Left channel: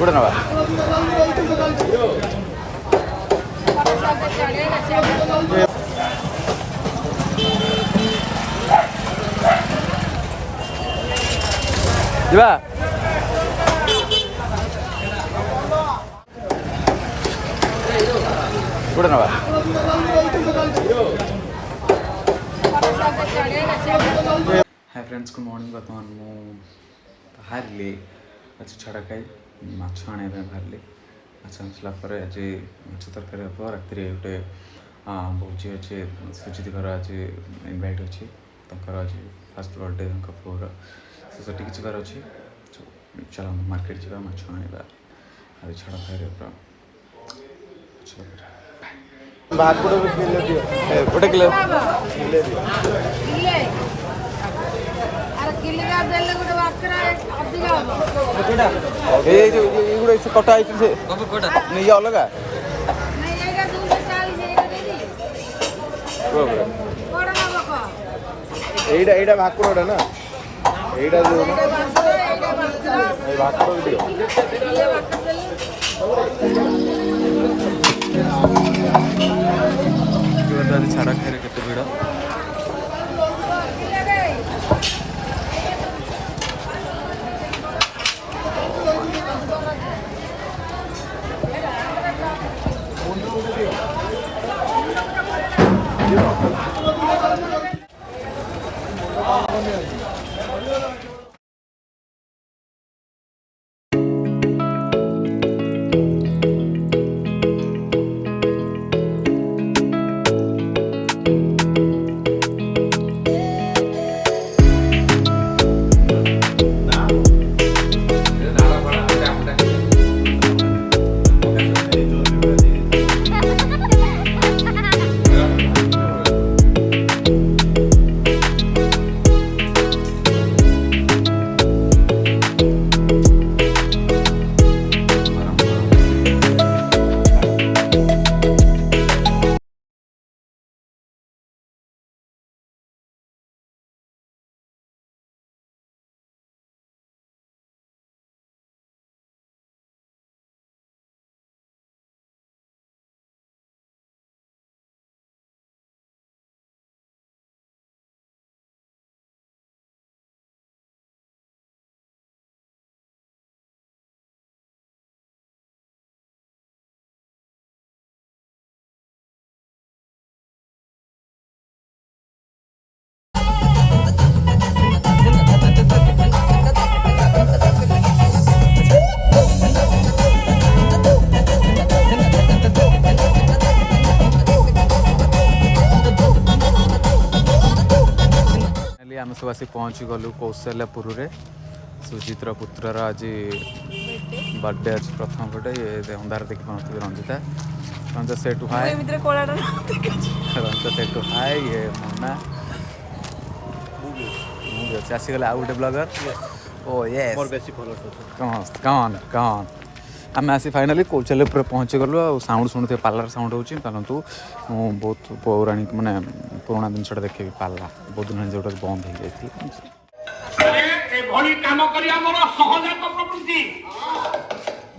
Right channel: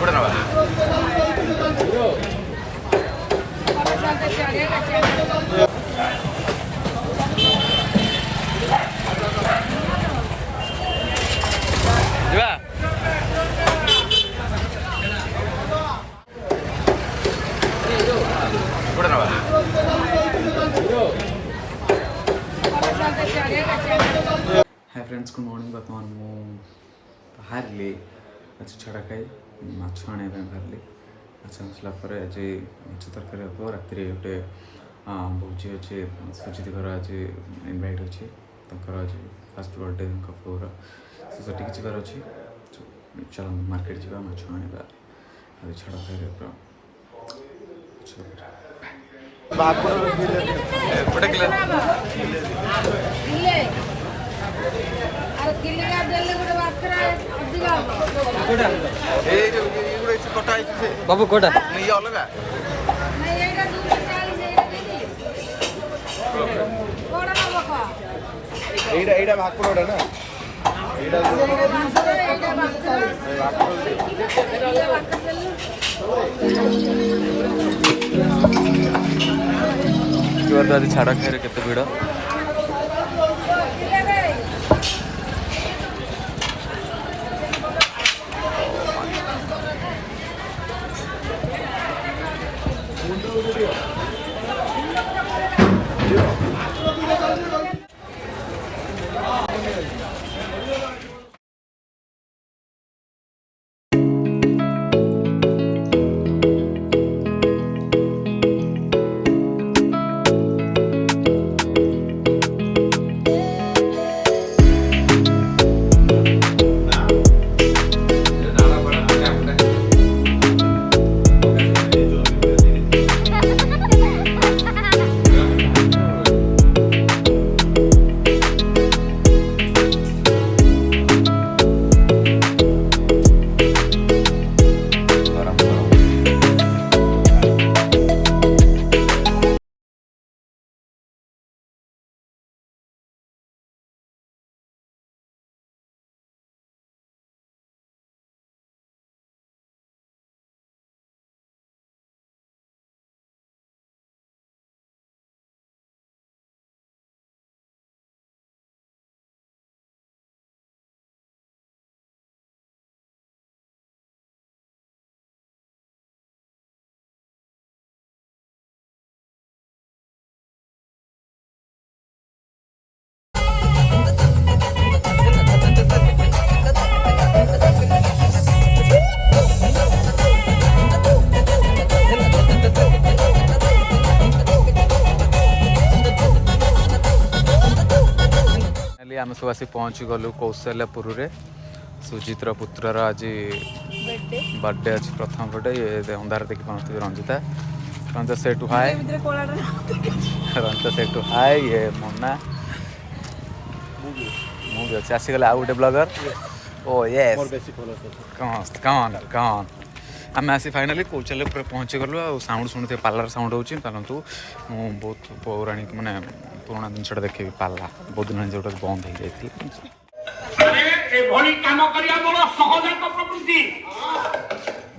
ଗୋଟେ ନେବା ଯିବା ଗୋଟେ ନେବା हाय फ्रेंड्स गुड मॉर्निंग बर्तमान मु बाहरली आज छड़ा खाई माछ आने बाहरली माछ आसला आज माछ तरकारी हम राति गोटे भोजी अच्छे सुजित घर आज इनभाइट अच्छे आज फास्ट बर्थडे पुअर से जबार अच्छे चल मार्केट जा माछ आने आज छड़ा खाई गोटे किलो कटा बाबू कोटा ये अलग এইটা ভাকুরটা না এইটা आज छाड़ा खाई केते भिड़ आम सब आसी पहुँची गलु कौशल्यापुर सुजितर पुत्रर आज बर्थडे अच्छे प्रथम बर्थडे ये अंधार देखी पाते रंजिता रंजिता से टू हाय रंजिता से टू हाय ये मोना मुझे अच्छे आसीगले आउ गोटे ब्लॉगर ओ यस कौन आम आसी फाइनाली कौशल्यापुर पहुँची गलु साउंड शुणुथे पार्लर साउंड हो बहुत पौराणिक माने पुराना जिनसा देखे पार्ला बहुत दिन जो बंद हो जाए काम करिया मोर सहजात प्रवृत्ति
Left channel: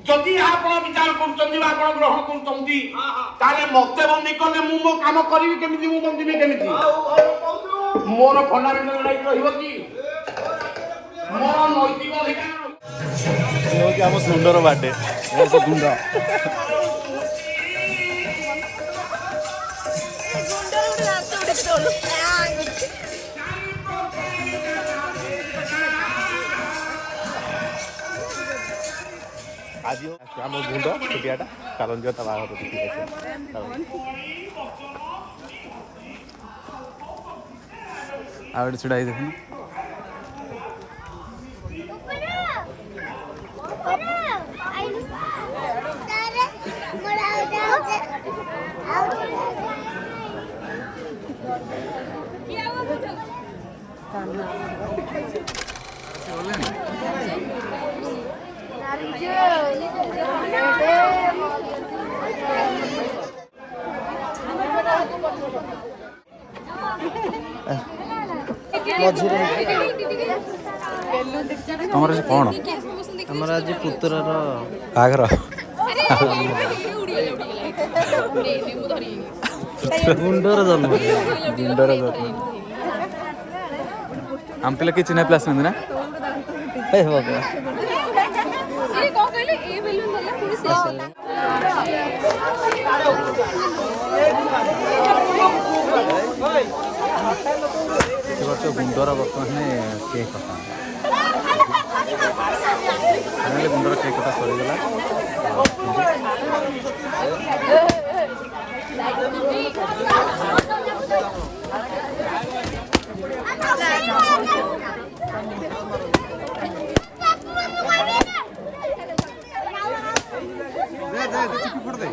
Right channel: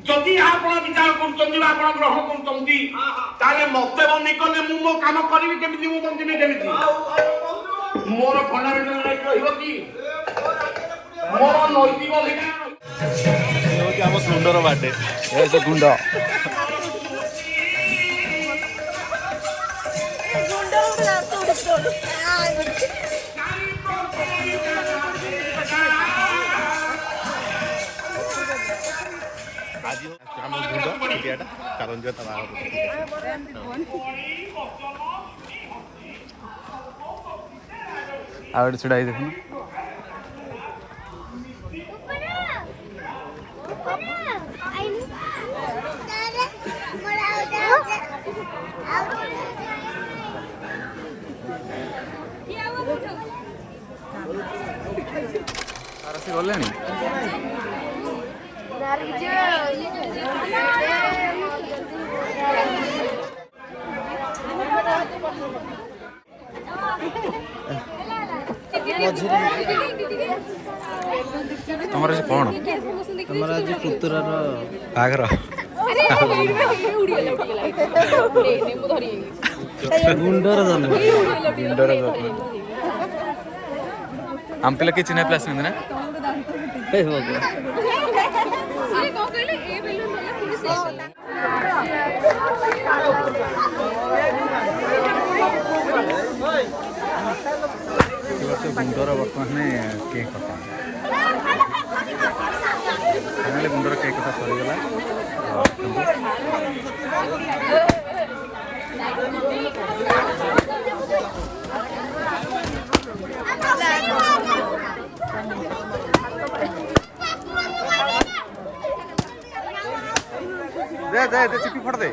जदि आपण विचार करछन्ती आपण ग्रहण करछन्ती ताले मते बंदी कले मु मो काम करिवि केमिति मु बंदिबि केमिति मोर फंडामेंटल राइट रहिबो कि मोर नैतिक अधिकार यो कि हम सुंदर बाटे ऐसे गुंडा आज आम गुंड छुटियाटा कारण जो बाबा ठीक अच्छे आगे छुड़ाई देखना गले तुम कौन ଆମର ଆଜି ପୁତୁରାର ବାହାଘର ଗୁଣ୍ଡର ଜନ୍ମ। ଗୁଣ୍ଡର ଜନ୍ମ। ଆମ ପିଲା କିଛି ନାହିଁ ପିଲା ଆସନ୍ତି ନା ଗୁଣ୍ଡର ବର୍ତ୍ତମାନ କେକ୍ କଟା ଫାଇନାଲି ଗୁଣ୍ଡର କେକ୍ କଟା ସରିଗଲା। दे दे दे चिट्ठी फोड़ दे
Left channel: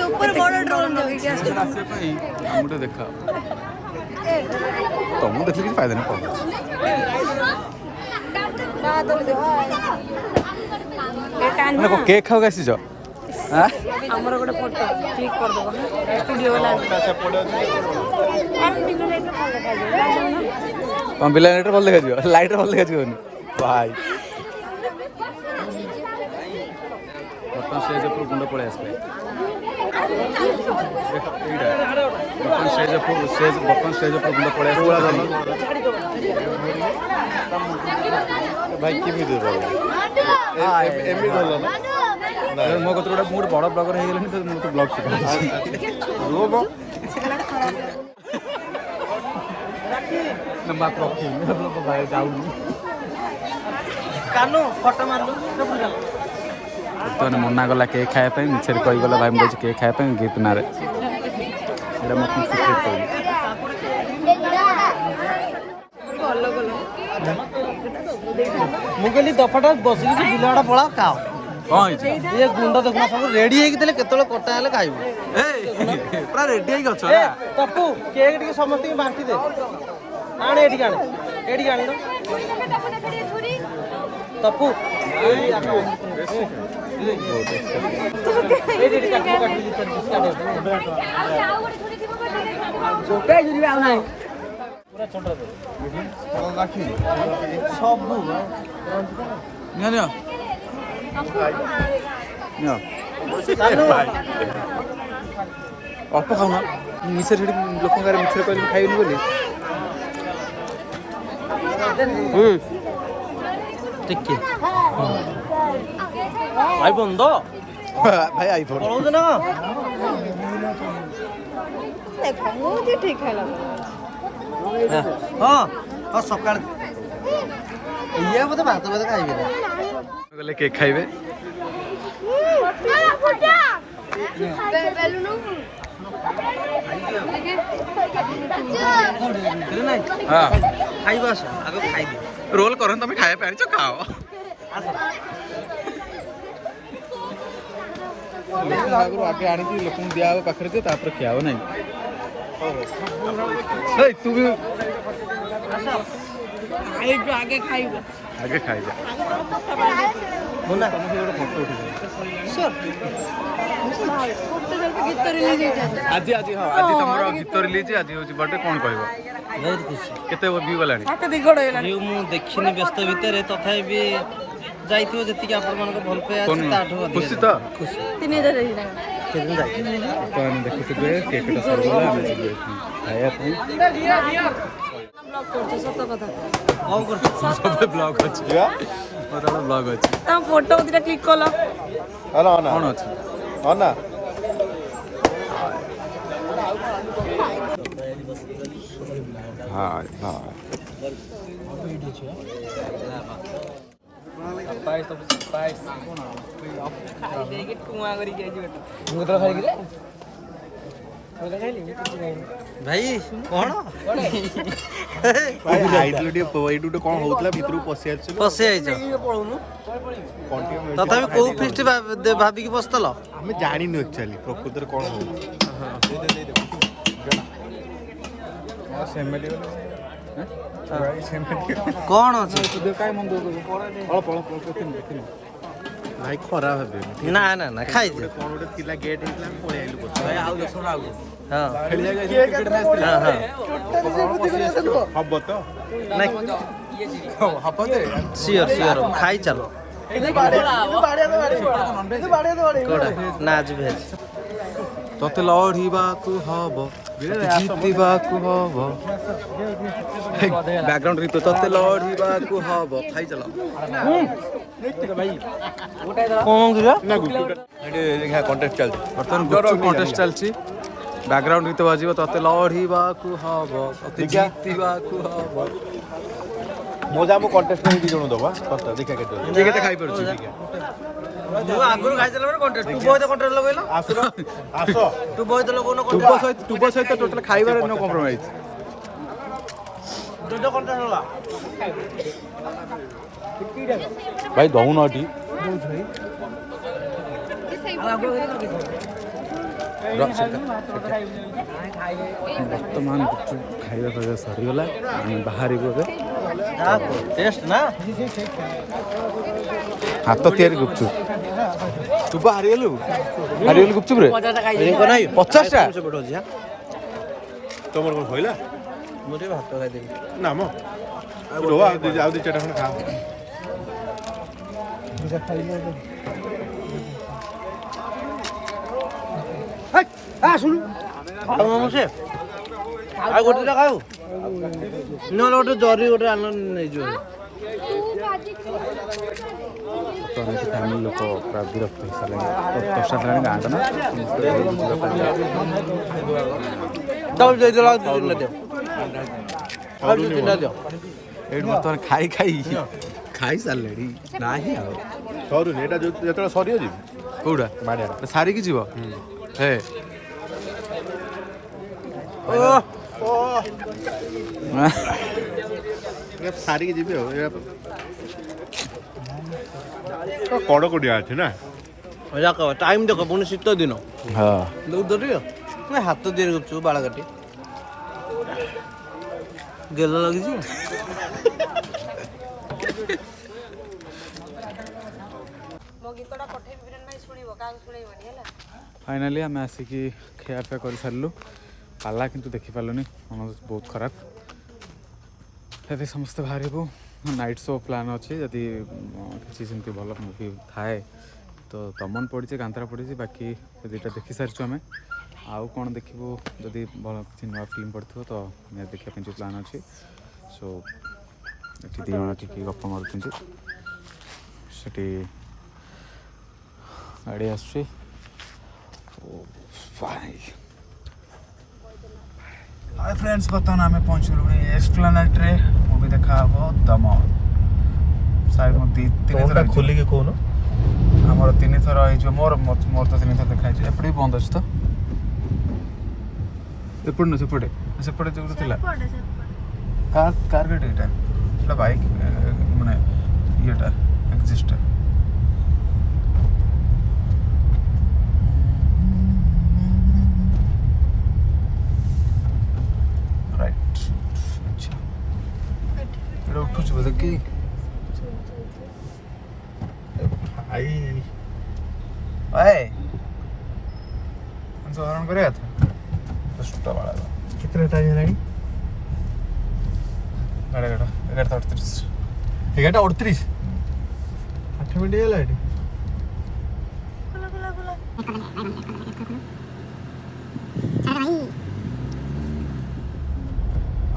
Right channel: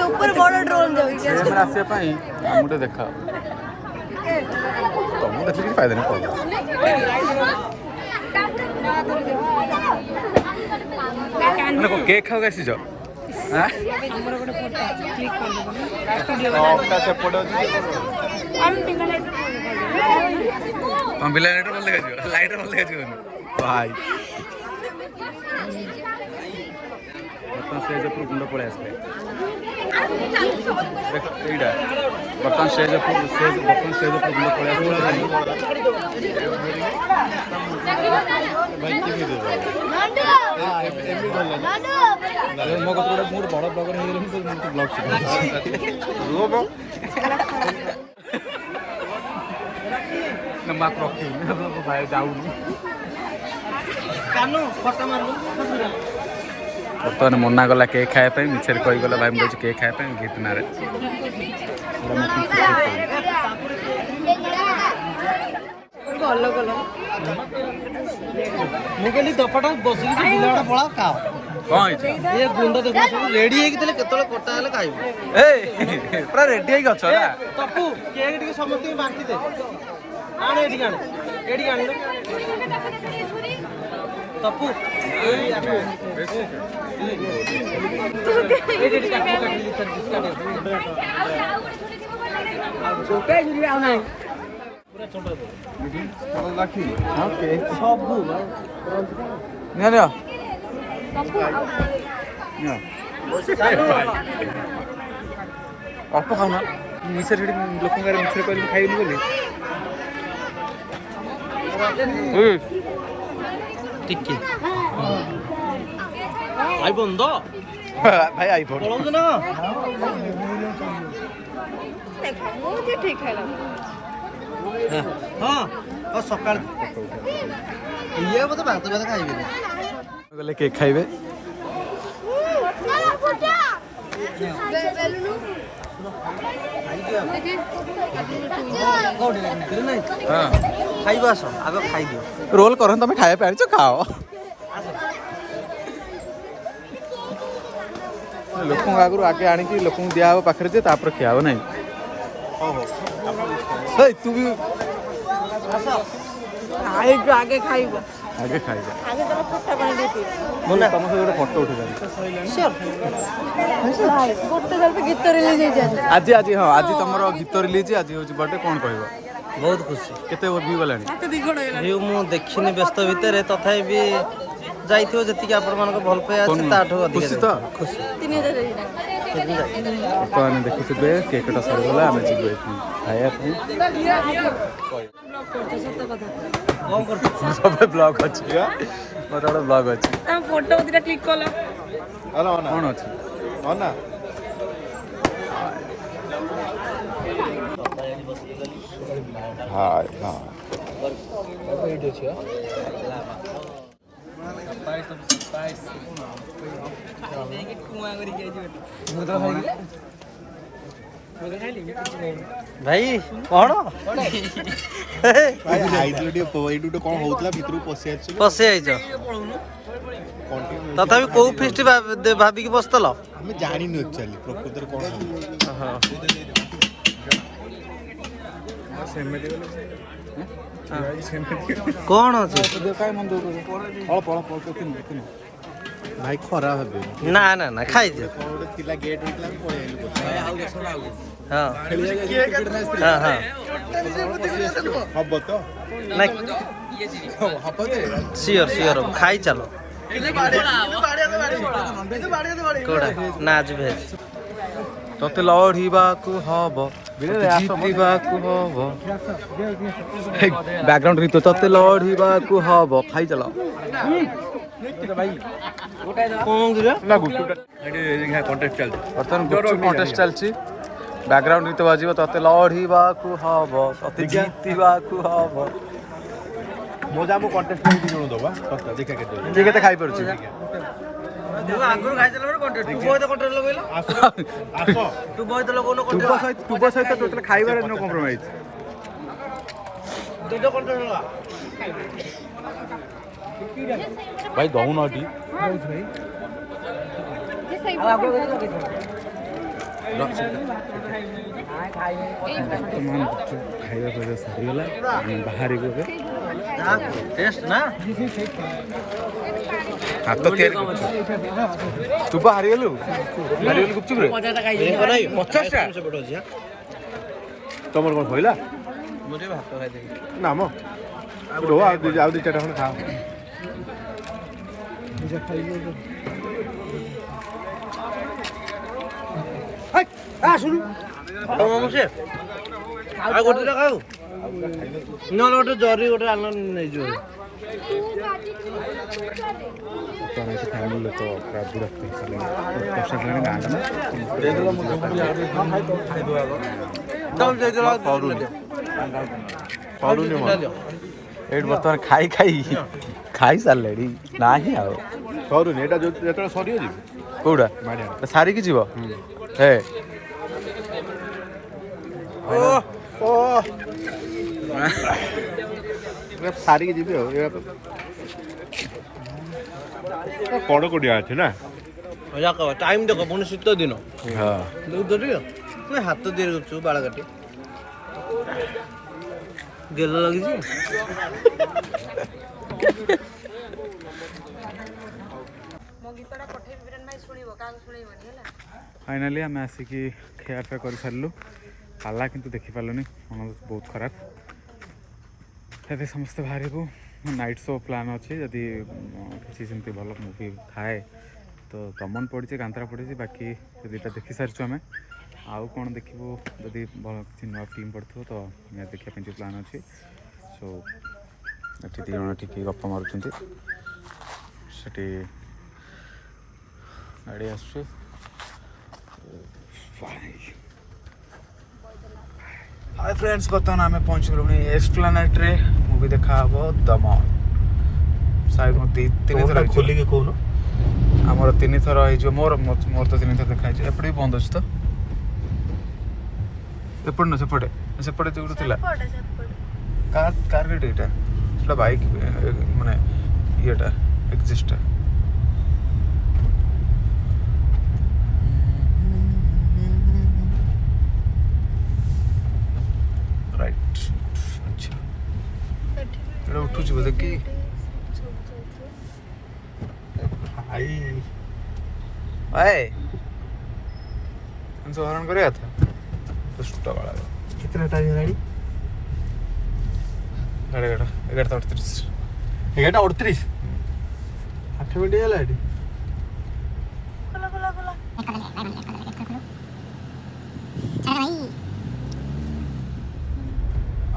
ऊपर बड़ ड्रोन आसे आमटे देखा तुमको देखले कि फायदा नहीं पाओ मैंने को केक खाओ कैसी जो हां हमर गोटे फोटो क्लिक कर दबो स्टूडियो वाला तुम बिला लाइटर बोल देखा जो लाइटर बोल देखा जो भाई बर्तन स्टेज ऊपर गुंड पड़े आसले देख एटा बर्तन स्टेज ऊपर गुंड पड़े आसले भाई की दे हां एमनी धरलो मो कत गोटे मोर बड़ ब्लॉगर हे गेलनी तो मो तो ब्लॉग सिखा रोब न माक रखी मतलब भाई जाऊनी कानो फोटो मारलु सब गला बर्तमान मना गला केक खाए मिछे कही गला भाई मुझे केक खाए गिफ्ट ना मुझे दफाटा बसली बिलवाड़ा पड़ा खाओ कौन ये गुंडा देखना सब रेडी है कि केतले कटा हेले खाइबो ए पूरा रेडी है गछ ना तपू केक टिके समस्त के बांटी दे आने एडी गाने तपू ए जेडी काटू काटू बिस्किट छोटा जुरी आउ नाही छोटा और लाठी ओके निया अल्प खाऊ ना मिसे लोक मिछे कह खाइनि बोली टिके आई बंद भाई आईफोन पळौ ना देखो मुझे ठीक है हां और सकाळ इया मते भात भात खाइबे गले केक खाइबे हां खाइबा सो आगो खाइ दियो रोल करन तमे खाए पे आनिछ खाओ लोक आगु आगे आनी कि लोक दिया हो पाखरे जे तापर खियाव नहीं हे तू भी आगे खाइबो आगे खाई जा बोले तम से गोटे फोटो उठे गीत रिलीज आज आज हाँ आज तुम गीत रिलीज आज हूँ बर्थडे कौन कह बहुत खुशी केते व्यू गलानी व्यू मु देखिनी व्यस्त भितर तथापि भी जाइथियो जतिक आपण मानक भल पे अछि ताठो अधिक खुशी तो खुशी तो आने देखुथिबे केकटा सरगला आमे जिबे खाया पे ब्लॉग करतो सत कथा कौन कर सब ब्लॉग अछि मोर बड़ा ब्लॉग अछि ता फोटो दिटा क्लिक कलो हेलो ना कौन अछि ना हाय हाय भाई कौन भाई आइतलो टे एडु टे कोन होतला भितरु पसि आछलो पसे आइछ कोन टे तथापि को फिस्ट भाबी की बसतल ଆମେ ଜାଣିନୁ ଆକ୍ଚୁଆଲି ପ୍ରକୃତରେ କ'ଣ କ'ଣ ଅଛି ଭାଇ ଖରାପ ହେବେ ନା ନା ନା ଖାଇଦିଅ କ'ଣ ଗୋଟେ ଥିଲା ଗେଟ୍ ହେଇଥିଲା ଆମେ ପଳେଇ ଆଇଲୁ ହଁ ହଁ ହଁ ହବ ତ ନାଇଁ ହବ ଯେ ସିଓର ସିଓର ଖାଇ ଚାଲ କୋଉଟା ନା ଆଜି ଭେଜ ତତେ ଲଢ଼ିବାକୁ ହବ ଜିତିବାକୁ ହବ ବ୍ୟାକଗ୍ରାଉଣ୍ଡ ଗୀତ ତତେ ଲଢ଼ିବାକୁ ହବ ଖାଇ ଚାଲ ନା ଗୁପଚୁପ୍ କଣ୍ଟେଷ୍ଟ ଚାଲିଛି ବର୍ତ୍ତମାନ ଗୁପଚୁପ୍ କଣ୍ଟେଷ୍ଟ ଚାଲିଛି ବ୍ୟାକଗ୍ରାଉଣ୍ଡ ଗୀତ ବାଜିବ ତତେ ଲଢ଼ିବାକୁ ହବ ତତେ ଜିତିବାକୁ ହବ ମୁଁ ଯା ମୁଁ କଣ୍ଟେଷ୍ଟ ହେଇକି ଜଣ ଦେବା ଦେଖିଆ କେତେ କିଏ କେତେ ଖାଇପାରୁଛି ମୁଁ ଆଗରୁ ଖାଇଦେଲା ପରେ କଣ୍ଟେଷ୍ଟ ତୁ ବହିତ କଣ୍ଟେଷ୍ଟ ଲଗେଇଲ ଆସ ତୁ ବହିତ ଲଗଉନ ତୁବ ସହିତ ଟୋଟାଲ ଖାଇବାରେ ନୋ କମ୍ପ୍ରୋମାଇଜ୍ ତୋ କଣ୍ଟେଷ୍ଟ ଲଗା ଭାଇ ଦଉନ ଏଠି ବର୍ତ୍ତମାନ ଗୁପଚୁପ୍ ଖାଇବା ପିଇବା ସରିଗଲା ଆମେ ବାହାରିବୁ ଏବେ ଟେଷ୍ଟ ନା ହାତ ତିଆରି ଗୁପଚୁପ୍ ତୁ ବା ହାରିଗଲୁ ଗୁପଚୁପ୍ରେ 50ଟା ତମର କ'ଣ ସଇଲା ମୁଁ ଟିକେ ଭାତ ଖାଇଦେବି ନା ମ ରୁହ ଆଉ ଦୁଇ ଚାରିଟା ଖଣ୍ଡେ ଖାଅ ଆଉ ଗୋଟେ ଖାଉ ନହେଲେ ଗୋଟେ ଜରି ଗୋଟେ ଆନ ନେଇଯିବ ଫ୍ୟାମିଲି ଲୋକ ପୁରା ବିରକ୍ତ ହେଇସାରିଲେଣି ଦଶଟା ହେଲାଣି ଗାଁଟା ନା ସମସ୍ତେ ଘରକୁ ଯିବା ପାଇଁ ଏଇଠି ବର୍ତ୍ତମାନ ଖାଇ ସାରିଲେଣି ନାହିଁ ଆଉ ସରୁନି ଏଇଟା ଯେତେବେଳେ ସରିବ କୋଉଟା ସାରିକି ଯିବ ହେ ସାରିକି ଯିବି ଆଉ କଡ଼କଡ଼ିଆ ଅଛି ନା ଟାଇମ୍ ଦେଖ ପୁଣି ଶୀତ ଦିନ ହଁ ହାତ ତିଆରି କରୁଛୁ ବାଳ କାଟି ଗେଲ ଲାଗିଛି फाइनाली आम आसिक खियापिया कर सारू पाला किंतु देखी पार्लुनि मन बहुत खराब ए समस्ते बाहरबू नाइट शो प्लान अच्छी जदि किसी सेमती भल मुवी थाए तो दमन पड़ी कांतरा पड़ी बाकी दुईटा देखी सारी आम आउ कौन देखू जदि किसी नुआ फिल्म पड़ो तो देखा जो प्लान अच्छी सो ये दी जन टी गप मारुँच गाड़ी आसुची हाय फ्रेंड्स बर्तमान आम पहुँचलु एस्प्लानेट रे मूवी देखा हम दमन शायद तीन थर खोलिक कौन आमर तीन थर मोर मोर तो तीन थर देखा एपटे भी बंद अच्छे तो एपटे न सेपटे सेपटे जो था कार गाड़ी यहाँ बाइक माने येटा एक्जिस्ट राइट अच्छा उठू बोधे कि तो हरण कर दुष्ट बाला कितना टाइम है 11:38 11:38 8 मिनट है लाइट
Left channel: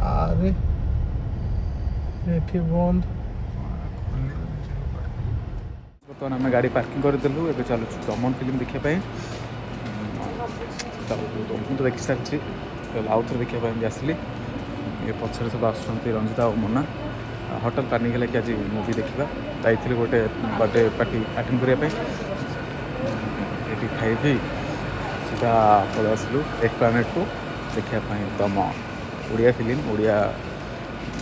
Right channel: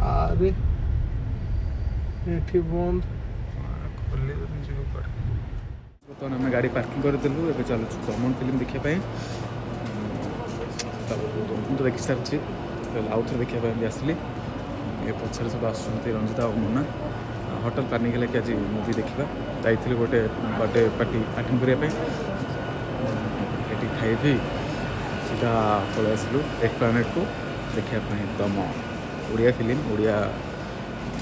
अरे एठी बंद बर्तमान आम गाड़ी पार्किंग करदेलु ए चलु दमन फिल्म देखापी तो देखी सारी आउ थे देखापी भी आसली ये पचर सब आसुँच रंजिता और मोना होटेल प्लानिंग है कि आज मूवी देखा जाइए गोटे बर्थडे पार्टी अटेंड करने ये खाई सीधा पलि आसलु एस्प्लानेट को देखापी दमन ओडिया फिल्म ओडिया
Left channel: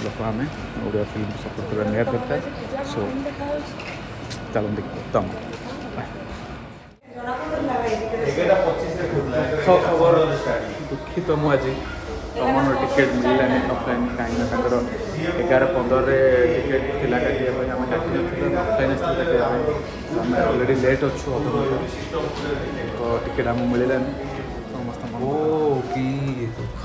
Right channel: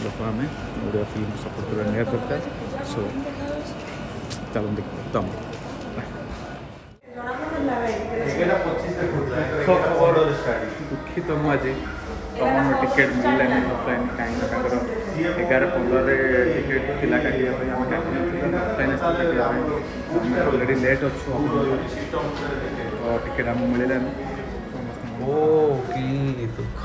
लोक आम ओडिया फिल्म सपोर्ट करवा निहाती दरकार सो चलो देख दमन ଦୁଃଖ ଖବର ଦୁଃଖିତ ମୁଁ ଆଜି ତମର ଟିକେଟ୍ ମିଳିଲାନି ଅଫଲାଇନ୍ କାହିଁକିନା ତାଙ୍କର 11:15ରେ ଟିକେଟ୍ ଥିଲା କାଟିବା ପାଇଁ ଆମେ କାଟିନଥିଲୁ ଅଫଲାଇନ୍ ଆସିଥିଲୁ କାଟିବା ପାଇଁ ଆମେ ଅଲରେଡ଼ି ଲେଟ୍ ଅଛୁ ଅଧଘଣ୍ଟା ତ ଟିକେଟ୍ ଆମକୁ ମିଳିଲାନି ସମସ୍ତଙ୍କ ଓ କି ଦୁଃଖ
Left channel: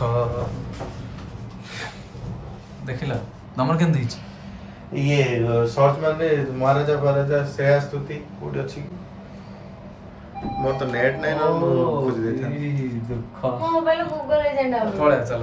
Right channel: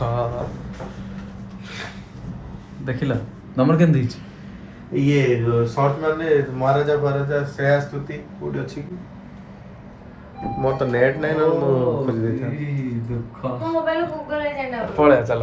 ଦେଖିଲ ତମର କେମିତି ହେଇଛି ये सर्च मारले महाराजा श्रेया स्तुति कोड अछि कि मोर तो नेट नै न मो खोज देता दुःख मोबाइल गूगल एजेंट पळा चला